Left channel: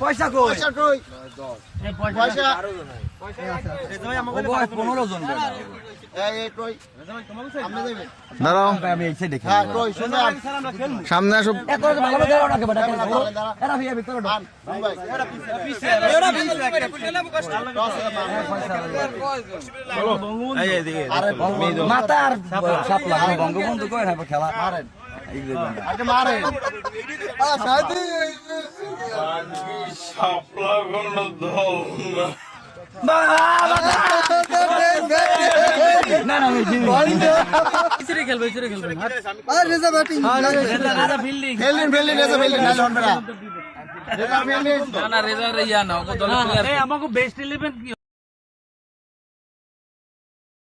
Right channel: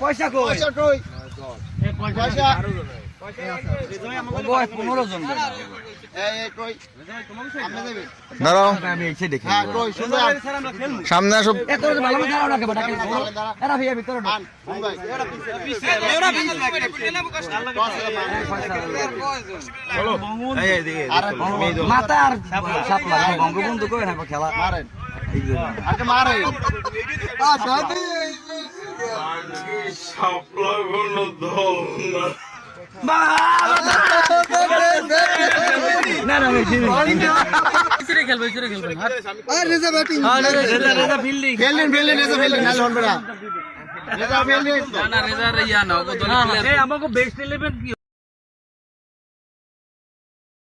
পয়সা কই পয়সা 15 জন দাঁড়াও সামনে আসো মাথা আর সাপলা বঙ্গবন্ধু কই না খেলা মারে আমাকে বেস্ট 11